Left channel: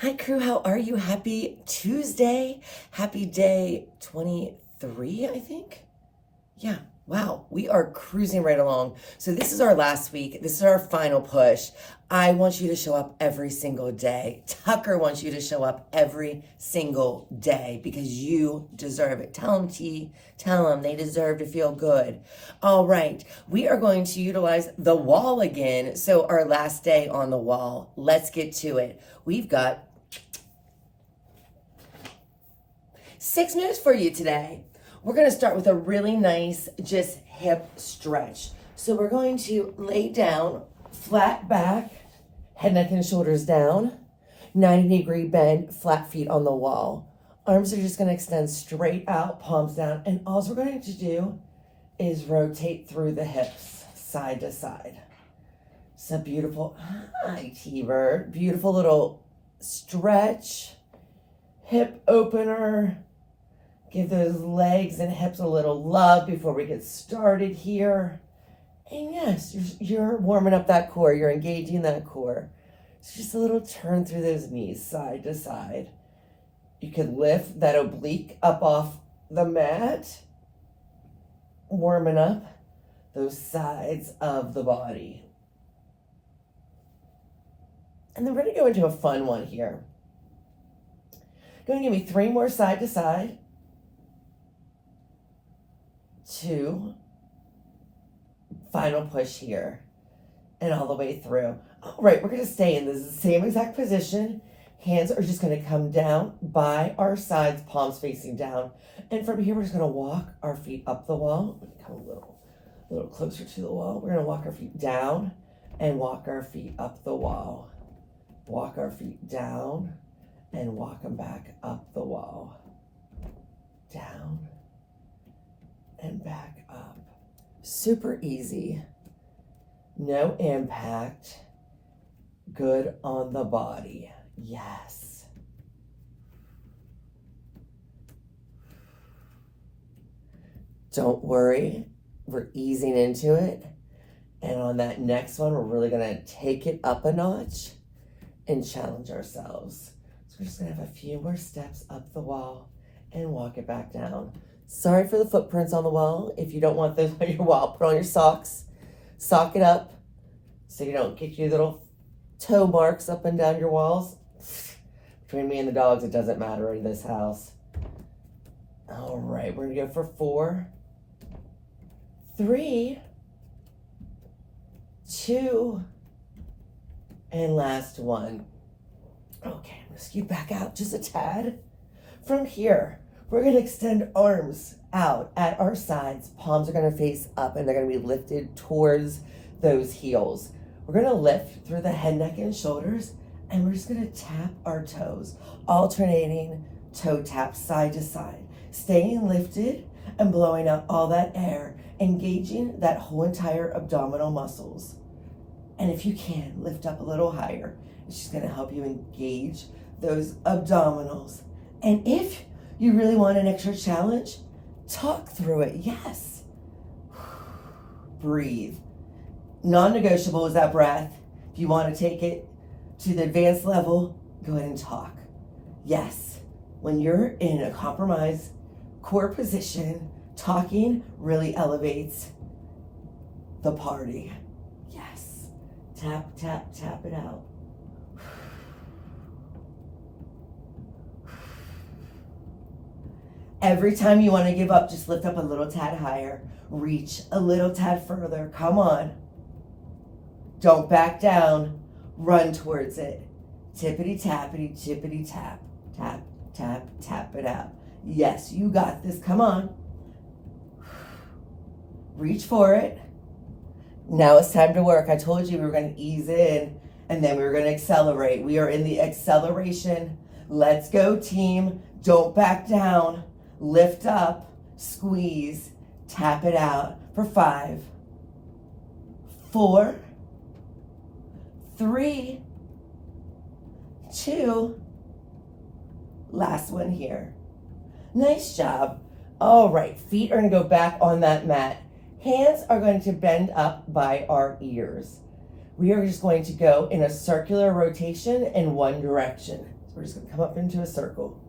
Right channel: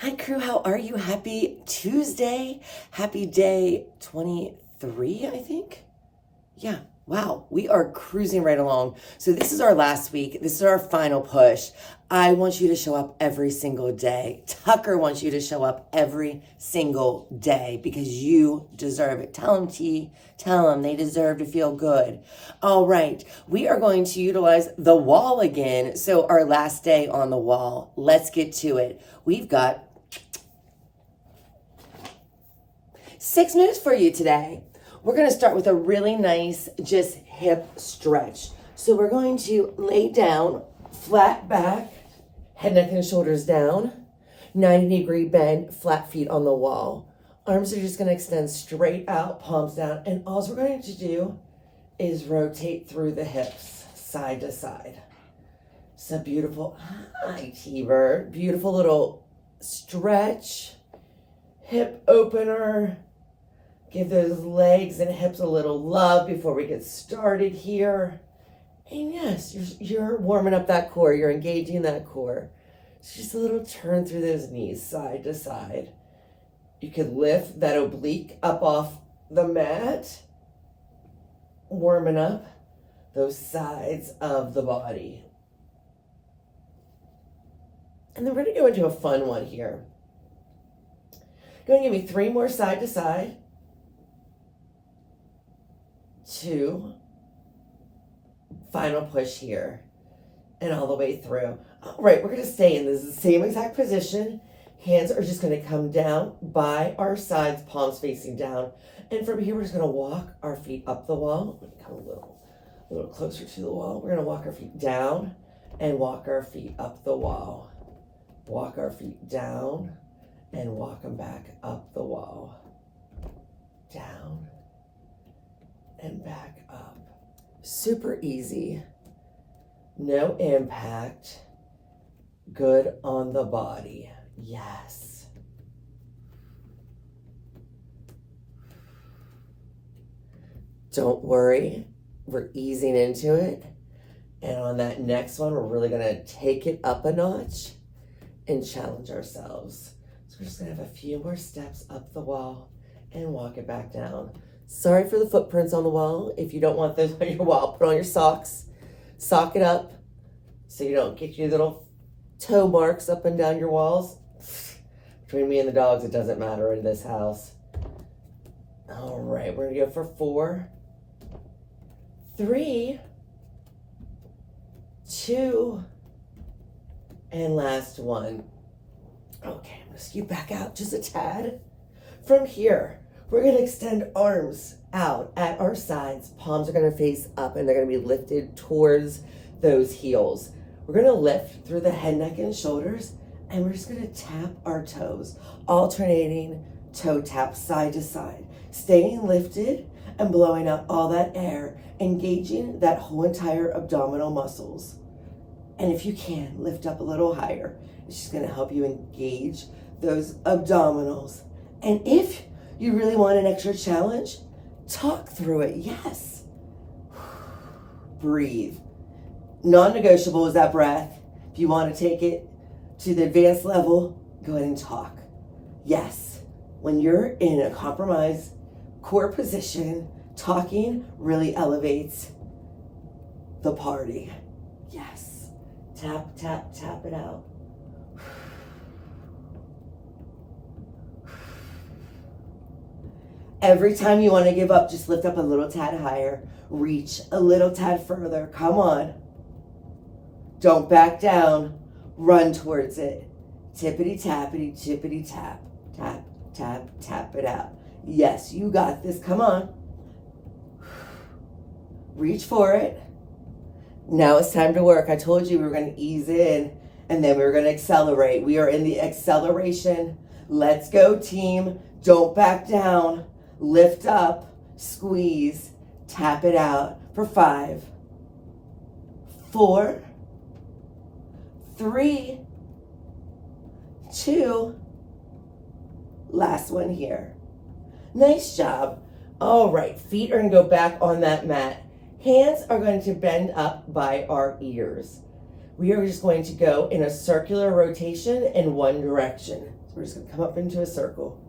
Hi, crew. How are you? Happy Tuesday. Happy day 23, I think. Yeah. Wow. We are cruising right along. So, this is our last week. This is our final push. I want you to show up every single day. Tucker wants you to show up every single day because you deserve it. Tell them, T. Tell them they deserve to feel good. All right. We are going to utilize the wall again. So, our last day on the wall. Let's get to it. We've got 6 moves for you today. We're going to start with a really nice just hip stretch. So we're going to lay down, flat back, head, neck, and shoulders down, 90-degree bend, flat feet on the wall. Arms are just going to extend straight out, palms down, and all we're going to do is rotate through the hips, side to side. So beautiful. Hi, T-Bird. Beautiful little stretch, hip opener. Give those legs and hips a little love before we get started here. And yes, you're warming up that core. You're engaging that core. It's just a little turn through those knees, side to side. You could lift that oblique up off the mat, warming up those sides of the body. And then we're going to go into a fun one here. Going to give me 3 more side to side. 2, final push here, and all the way through. All right, we're going to stay in the same exact position. Hands are just going to come down by our sides, palms facing down. And from here, we're just going to walk our feet up the wall. Let me come a little closer to the wall. We're going to walk our feet down and walk our feet up the wall. Walk our feet down and walk them back up the wall. Down and back up. Super easy. No impact. Good on the body. Yes. Don't worry. We're easing into it. And on that next one, we're really going to take it up a notch and challenge ourselves. So we're just going to have a few more steps up the wall and walk it back down. Sorry for the footprints on the wall. If you don't want those on your wall, put on your socks. Sock it up so you don't get your little toe marks up and down your walls. Between me and the dogs, it doesn't matter in this house. All right, we're going to go for 4, 3, 2, and last one. Okay, I'm going to scoot back out just a tad. From here, we're going to extend arms out at our sides. Palms are going to face up and they're going to be lifted towards those heels. We're going to lift through the head, neck, and shoulders, and we're just going to tap our toes, alternating toe taps side to side, staying lifted and blowing out all that air, engaging that whole entire abdominal muscles. And if you can, lift up a little higher. It's just going to help you engage those abdominals. And if you really want an extra challenge, talk through it. Yes. Breathe. Non-negotiable is that breath. If you want to take it to the advanced level, go ahead and talk. Yes. When you're in a compromised core position, talking really elevates the party. Yes. Tap, tap, tap it out. Every time you want to give up, just lift up a little tad higher. Reach a little tad further. Come on. Don't back down. Run towards it. Tippity tappity, tippity tap. Tap, tap, tap it out. Yes, you got this. Come on. Reach for it. Now it's time to work. I told you we were going to ease in and then we were going to accelerate. We are in the acceleration. Let's go, team. Don't back down. Lift up, squeeze, tap it out for 5, 4, 3, 2, last one here. Nice job. All right, feet are going to go back on that mat. Hands are going to bend up by our ears. We are just going to go in a circular rotation in one direction. We're just going to come up into a circle.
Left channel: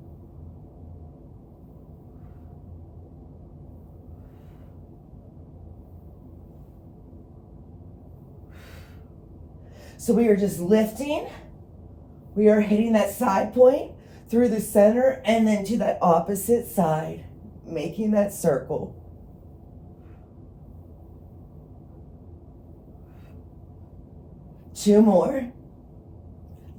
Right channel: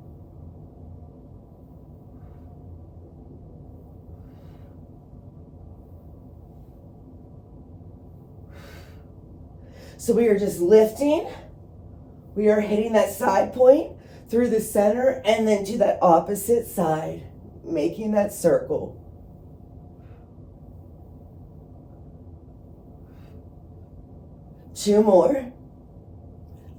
So we are just lifting. We are hitting that side point through the center and then to that opposite side, making that circle. Two more.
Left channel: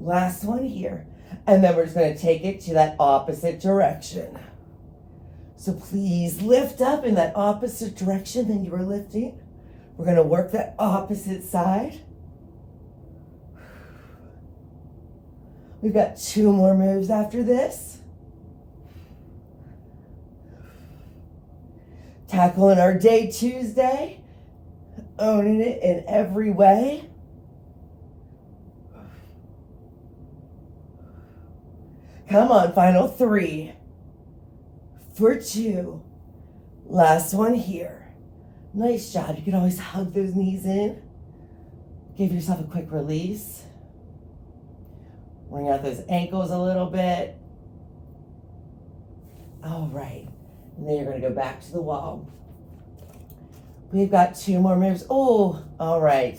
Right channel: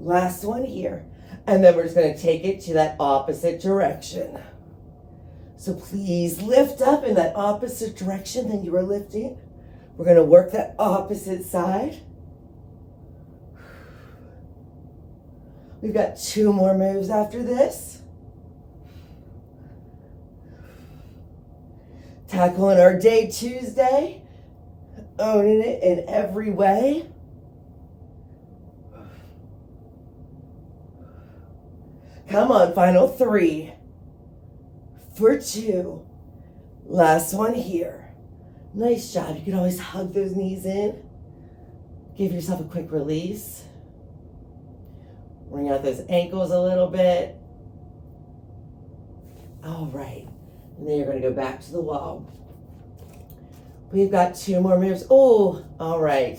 Last one here. And then we're just going to take it to that opposite direction. So please lift up in that opposite direction that you were lifting. We're going to work that opposite side. We've got two more moves after this. Tackling our day Tuesday. Owning it in every way. Come on, final three. For two. Last one here. Nice job. You can always hug those knees in. Give yourself a quick release. Bring out those ankles a little bit. All right. And then you're going to go back to the wall. We've got two more moves. Oh, all right.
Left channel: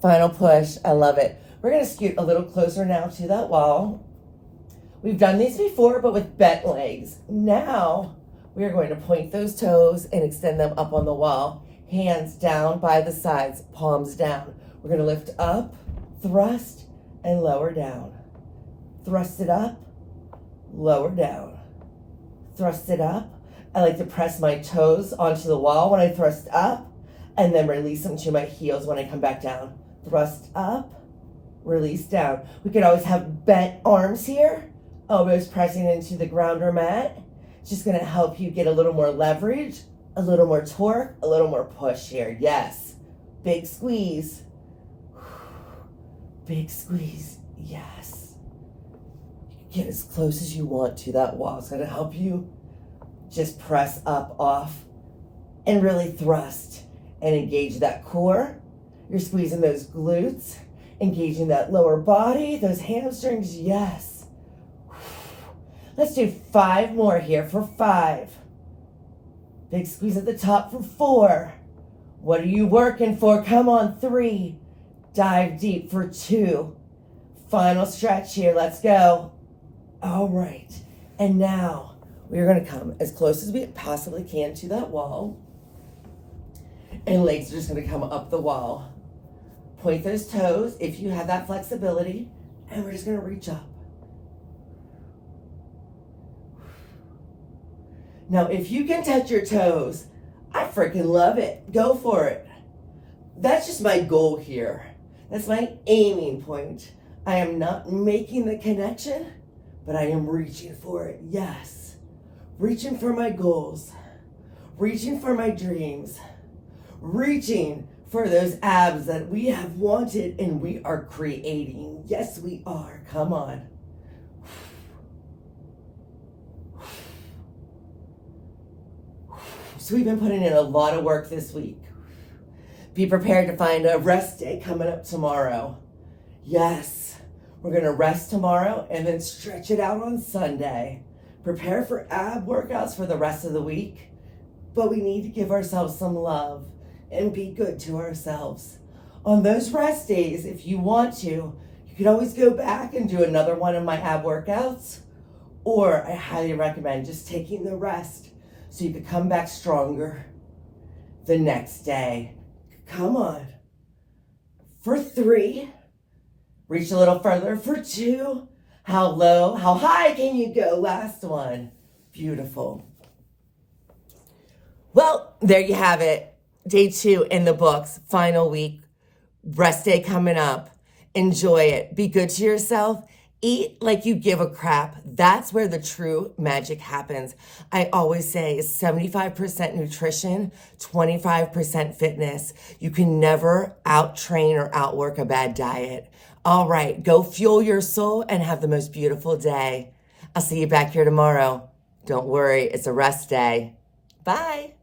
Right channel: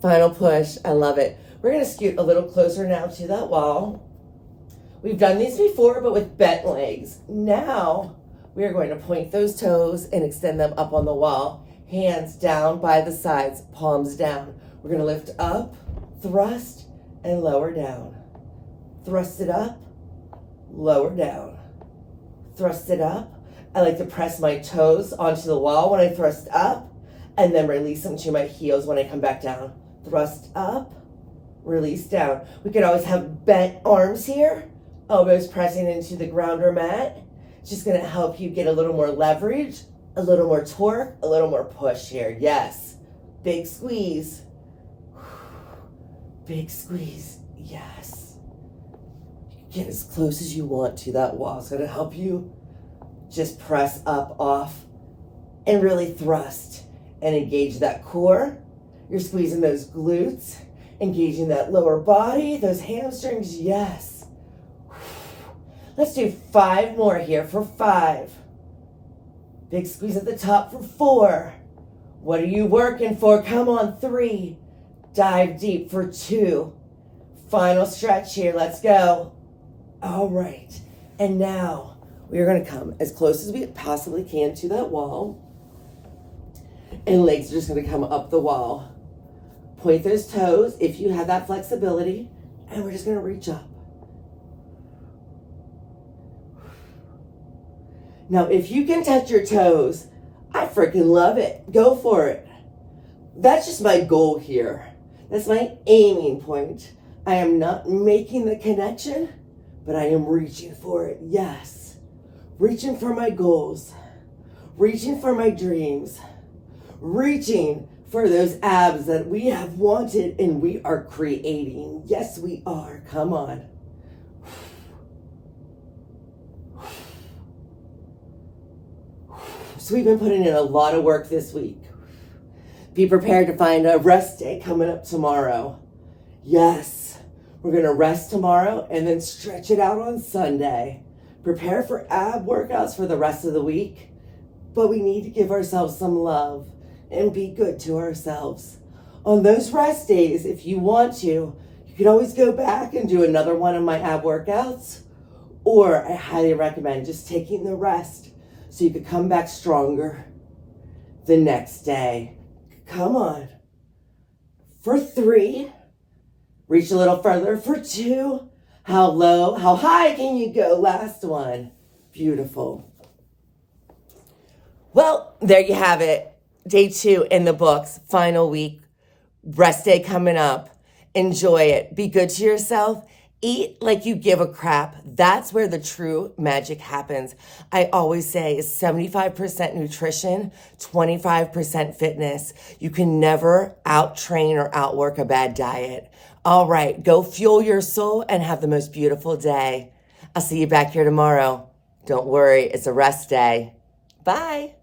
Final push. I love it. We're going to scoot a little closer now to that wall. We've done these before, but with bent legs. Now, we are going to point those toes and extend them up on the wall. Hands down by the sides, palms down. We're going to lift up, thrust, and lower down. Thrust it up, lower down. Thrust it up. I like to press my toes onto the wall when I thrust up and then release them to my heels when I come back down. Thrust up, release down. We could always have bent arms here, elbows pressing into the ground or mat. It's just going to help you get a little more leverage, a little more torque, a little more push here. Yes. Big squeeze. Big squeeze. Yes. Get as close as you want to that wall. It's going to help you just press up, off, and really thrust and engage that core. You're squeezing those glutes, engaging that lower body, those hamstrings. Yes. Let's do 5 more here for 5. Big squeeze at the top for 4. What are you working for? Come on, 3. Dive deep for 2. Final stretch here. Let's go. All right. And now we are going to come as close as we possibly can to that wall. And legs are just going to come up the wall. Point those toes if you have that flexibility. And we're just going to reach up. Now, if you can touch your toes, I freaking love it. Go for it. That's just my goal here. That's my aiming point. I am not making the connection, but I am reaching for it. Yes. Reaching for my goals. Reaching for my dreams. Reaching for those abs that we have wanted and we are creating. Yes, we are. Come on. So we've been putting in a lot of work this week. Be prepared to find a rest day coming up tomorrow. Yes, we're going to rest tomorrow and then stretch it out on Sunday. Prepare for ab workouts for the rest of the week. But we need to give ourselves some love and be good to ourselves. On those rest days, if you want to, you could always go back and do another one of my ab workouts. Or I highly recommend just taking the rest so you could come back stronger the next day. Come on. For 3, reach a little further. For 2, how low, how high can you go? Last one. Beautiful. Well, there you have it. Day 2 in the books, final week, rest day coming up. Enjoy it. Be good to yourself. Eat like you give a crap. That's where the true magic happens. I always say it's 75% nutrition, 25% fitness. You can never out-train or outwork a bad diet. All right, go fuel your soul and have the most beautiful day. I'll see you back here tomorrow. Don't worry, it's a rest day. Bye.